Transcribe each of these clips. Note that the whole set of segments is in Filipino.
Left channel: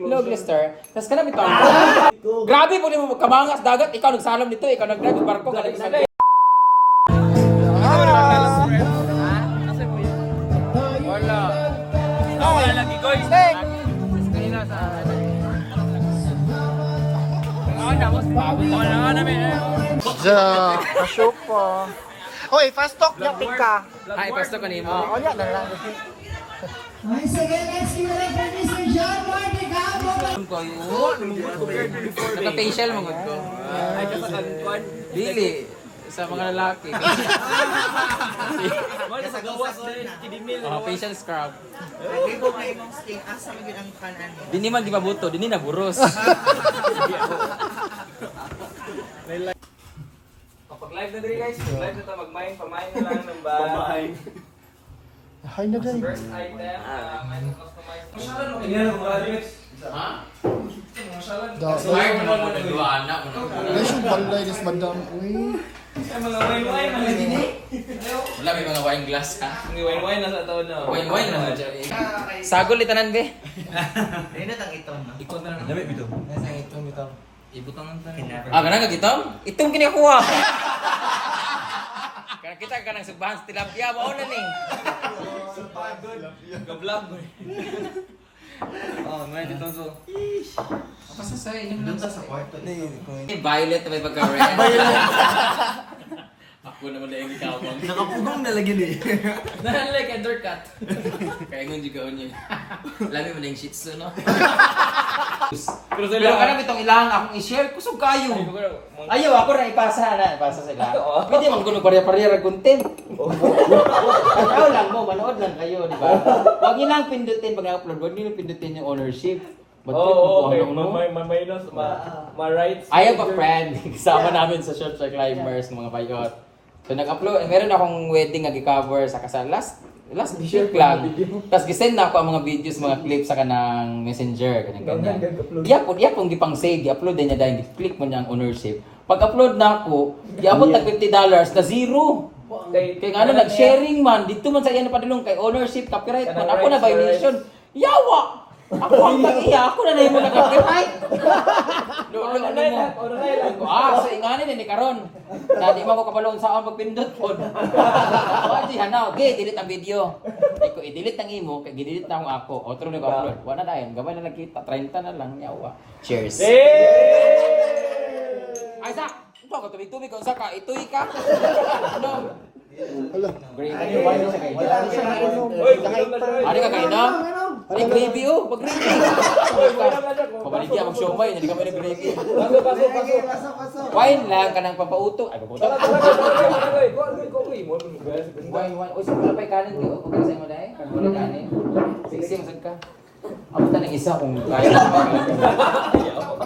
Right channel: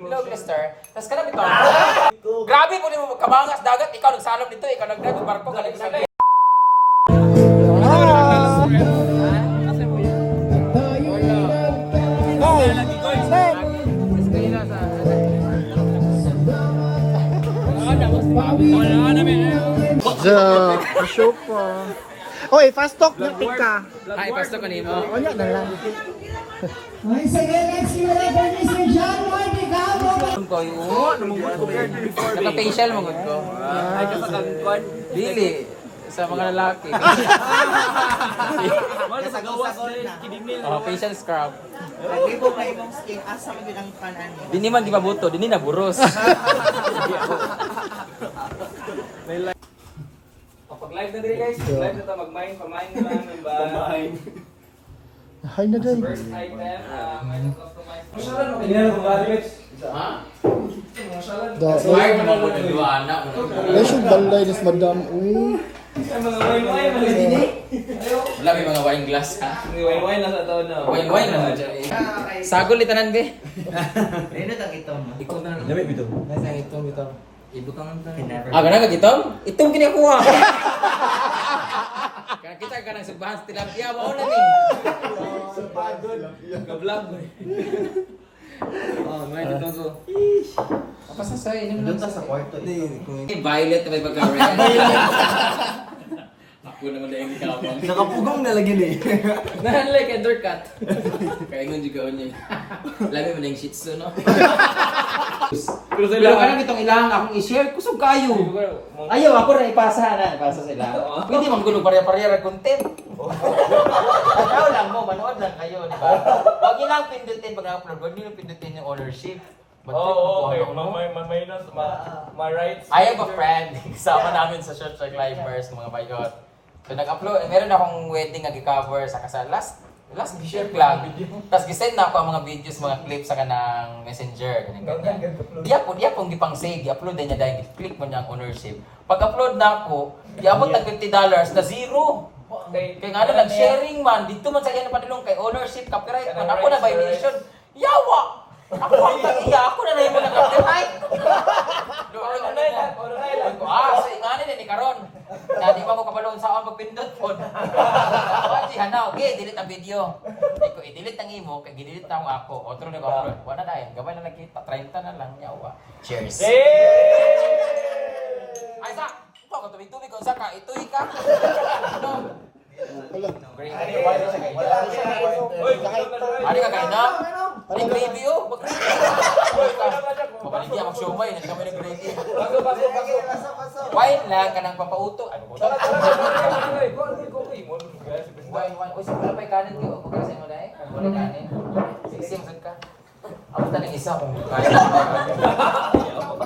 Hello, Glister. Tapos ka na bitaw. Grabe po mo kamangas dagat. Ikaw nagsalam nito. Ikaw nagdadong barko. Asa mo na makalala po, Red? Ha? Asa mo yun? Wala. Wala lagi, guys. Kaya sa... Wala namin. Pasok pa. Hoy, fast talk na ka. Ay, fast talk ka nimo. Ano na lang. Ay, sige, let's give it up for Mr. John Ward Picabo. Naka-facial mong ko. Ay, kasakagkon. Dili. Sa mga lalaki. Facial scrub. Hindi ko kayo mong skin. Asa mo yun ang kanan. Dini man gibabuto, dini na buros. Kapag live na din guys, live na ito, mag-mine, pamain lang ng ba? Pamain. First item, ngayon customize. Masyalan mo, hindi na graduates. Ha? Masyalan. Smart naman mo ng dua anak. Ay, siya balay, des madam. Uy. Ay, mga wine-wine, mga dini. Wala, may mga wine glass ha? May wine-wine na sa taon na. Wine-wine na dyan. Sagol itanan be. Ayun ang ito. Ikaw na. Dami bito. Ibutang ang tanan. Ah, ganang itong? Itong kinakuha. Kaya kita ka ng subahan sa tilapia, wao na ni. Ka-vlog mo. Oh, ngayon itong so. Apa sa say? Doon sa kwarto. Violet na may pagka-red. Ako naman na yung ikawang. Nakapugong na lagi ni. Nahanlay ka, undercut. Kaya ngon juga niya. Lami mo na yung shih tzu, no? Pero kanang itong ilang akong i-share, kusog kayo. Ayaw, ako na ipasa na. Ipasa sa ilang. Pwede manggulo pareha-pareha content. Ano lang mo, manood lang kayo, di ba? Huwag nilang pindutin pag na-upload. Huwag nilang pindutin yung ownership. Oo, okay. May rights. I have a friend. Kasama namin sa Short Track Climbers, mga bayot. So nag-upload, meron akong wedding nga gi-cover sa kasal last week lang. Tapos gisend na ako ang mga videos, mga clips sa kanang Messenger, ganyan. Yapon gipang save, i-upload niya dahil click mo niya ang ownership. Pag-upload na ako, iabot tag $50 na zero. Kaya ano, nag-sharing man, dito man sa iya na padulong kay ownership, copyright man. Ako na violation. Yawa! Ako ang tag-iya, ako na yung mga copyright. Sa inganin ni karon. Na di mo ko kabalon sa akong pagpindot pod. Wadi hanaw, okay, delete ang video. Ay ko i-delete ang imo, kay gi-delete na ako. Otro na ko upload. Wala na dayon, gamay na nakita, 30 na lang yawa. Cheers. Ay sa, ito ko tubig-tubig kung sa ka, itoy ka. Ano? Great. Ano ba yun sa kainan? Ano ka kainan? Ay, gravy oh, pag-gravy. Pabaligyan, mag-siomay, hindi kami nag-gravy. Wine lang, kanang papauto. Ay, paputok. Wine. Uy, siguro pa ikanan kayo. Pagkasay mo na eh. Kagulit kanin. Siksi, masag ka. Ako na ng isa kung kaya.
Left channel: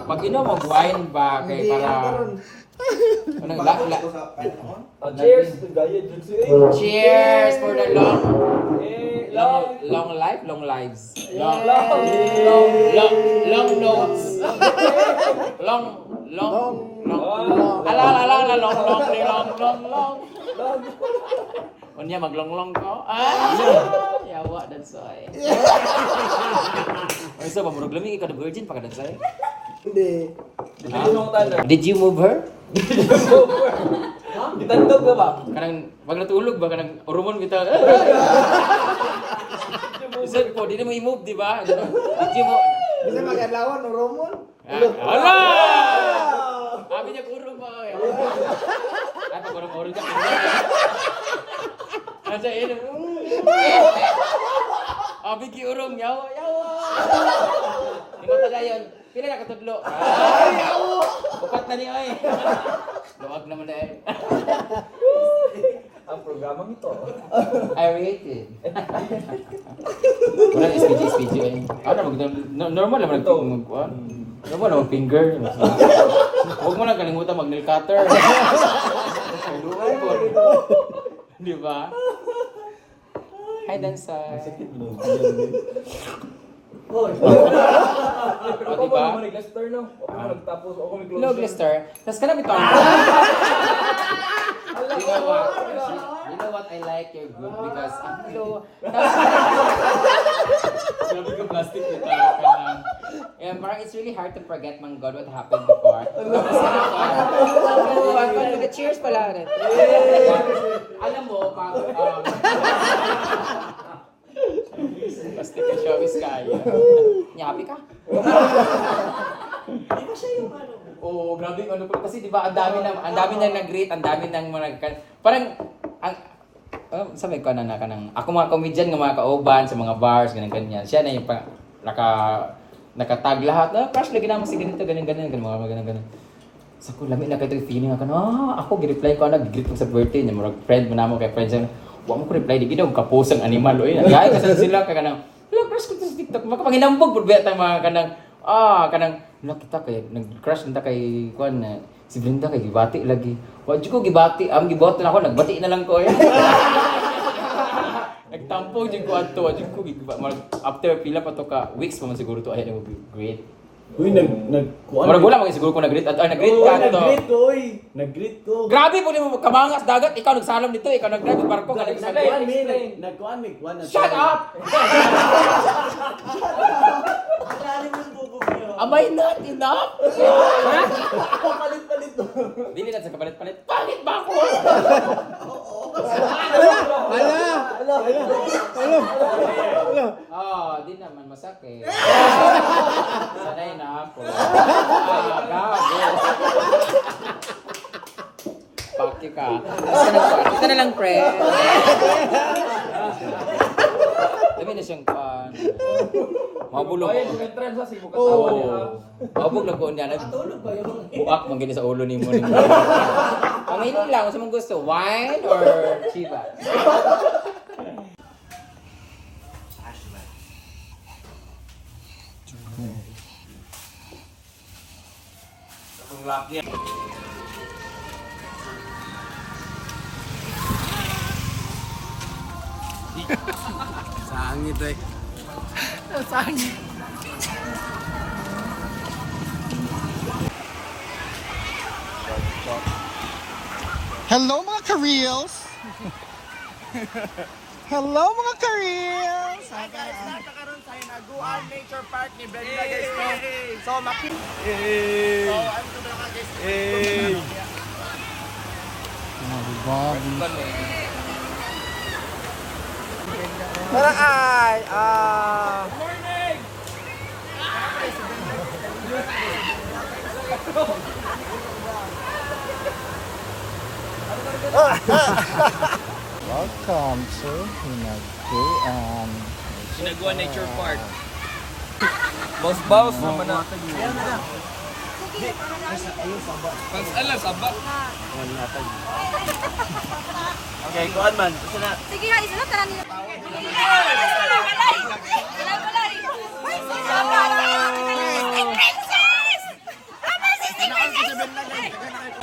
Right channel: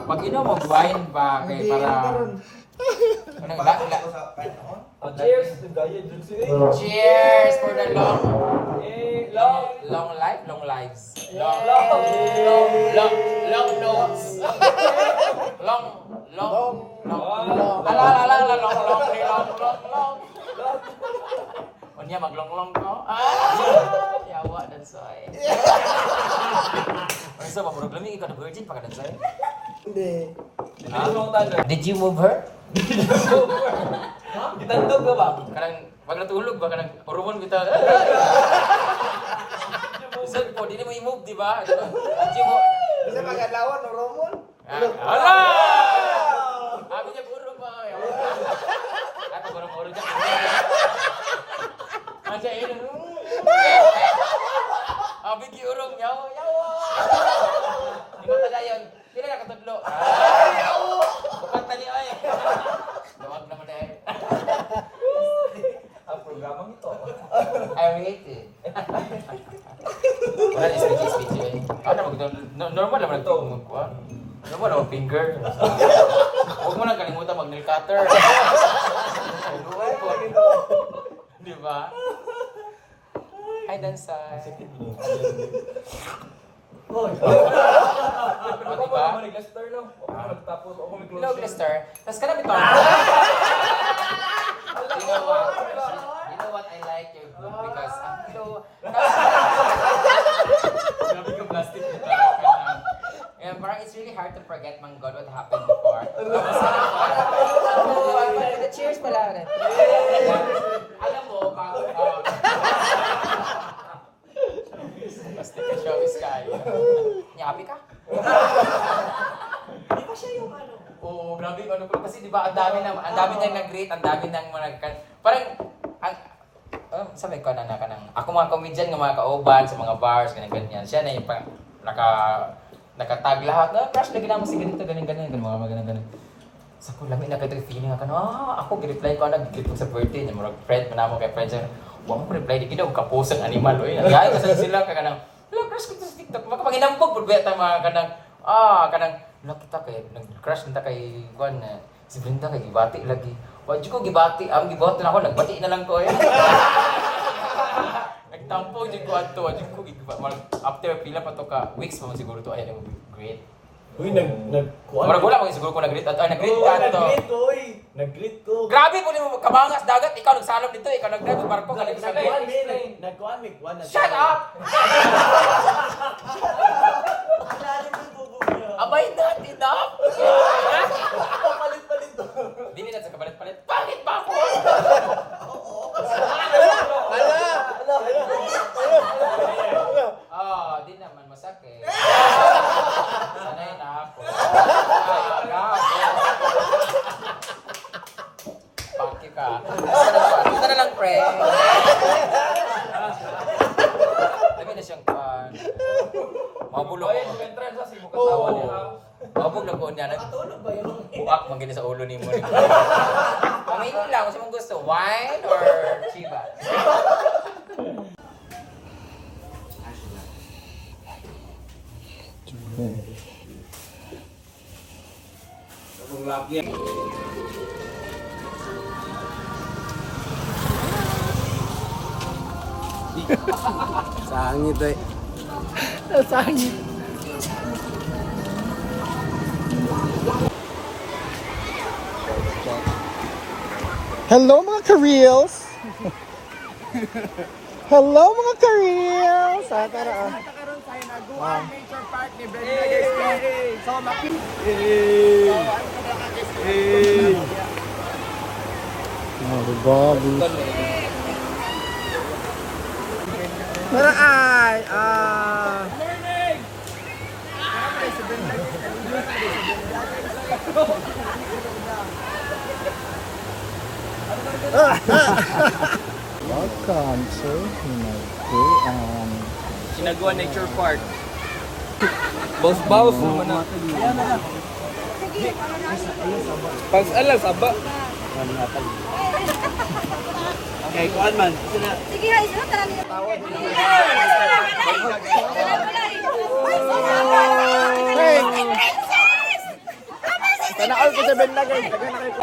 Pag mag-wine ba, kay para... Cheers! Cheers for the long life, long lives. Long notes. Long. Ala, long. Unya maglong-long ko. Yawa dan soy. Ay so mamurog lami ikaw the virgin pa ka dan soy. Hindi. Did you move her? Gitandog ka ba? Kanang pag natulog ba kanang urumon bitaw. Isip po, di na mo i-move, di ba? Did you mo? Hindi magalawan, uromon. Hala! Sabi niya urum ba? Ay, pag urum ka. Asa ilo. Abi ki urum, yawa. Ikaw tagayon. Pila na katudlo. Upat na ni oy. Luwag naman na eh. Ang programang ito. I rated. Wala na SPG eh. Normal naman nagkuhan. Normal naman finger. Huwag mo lang kalimutan mag-nail cutter. Luwag ko. Di ba? Hi, Dansay. O, diba? Hello, Glister. Tapos ka na bito. You know what? I like your group because, hello. Sabi ko plastic kita. parang it's really hard to forget, man God, what happened before. Cheers pala rin. Alam mo, pag... Basta ka showbiz kaya. Happy ka? Di ba siya yung ano? Oo, grabe yung ano ko. Kasi di ba, ang dami nang nag-greet, ang dami nang mga... Parang, sabi ko na kanang... Ako mga comedian, mga kauban sa mga bars, ganyan-ganyan. Siya na yung nakatag lahat. Crush, lagi na ako sige dito, ganyan-ganyan. Ganyan. So ko, lamig na kayo feeling ako, ako, gi-reply ko, nag-greet ko sa birthday niya. Marag friend mo na mo kay friends niya. Huwag mo ko reply, di ginaw, kapusang animal. Uy, nagyay kasi sila ka kanang, crush ko to sa TikTok. Makapanginambog, bulbeta mga kanang, kita kay, nag-crush nita kay, si Brenda kay gibati lagi. Wag ko gibati, gibot na ako, nagbati na lang ko. Nagtampo, dyan ko ato, dyan ko, after pila pa to ka, weeks pa man siguro to, ayan yung great. Uy, Marag wala mga siguro ko nag-greet ka ato. Nag-greet ko. Grabe po mo kamangas dagat, ikaw nagsalam nito, ikaw nag-drive barko ka Shut up! Am I not enough? Palit-palit to. Dili na sa kapalit-palit. Pangit ba ako? Di naman masakit. Sanay na ako. Gago. Paki ka. Ito na lang, pre. Dami na siyang mabulog. Entrance sa sibo katawa niya. Mabulog ko niya. Buak mong gini sa ulo ni mo. Aminin lang, kung mong gusto, wine or chiba? Ang laki. Sangit eh. Sangit. Hello mga ka-reels! Hello mga ka-reels! Nagkakaroon tayo na Guan Nature Park ni Brenda guys. So, makit. Oh, Bobby. Welcome to Sinaguan Nature Park. Baus-baus naman na. Pag alas, aba. Okay, kuan man. Sige, ha, isa na tanan nila. Sana all ko sa Brenda guys. Tagay na kayo.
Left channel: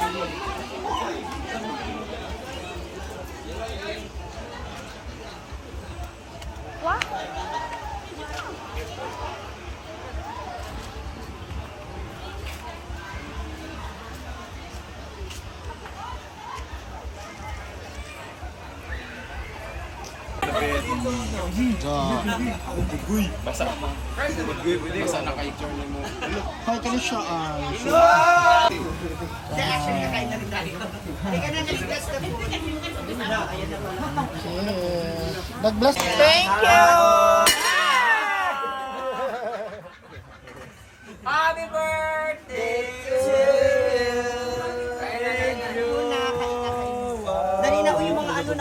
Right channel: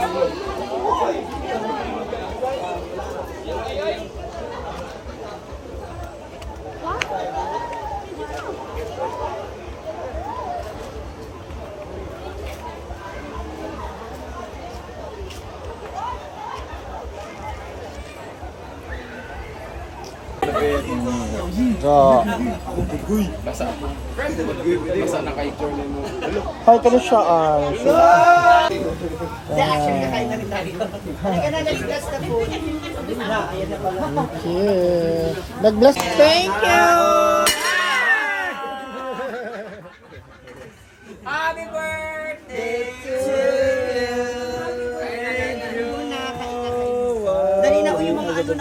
Basa ako. Basa na kay journey mo. Hi, kano siya? Actually, nakain na rin tayo. Halika na, let's bless the food. Okay. Nag-bless. Thank you! Happy birthday to you! Dali na yung mga ano na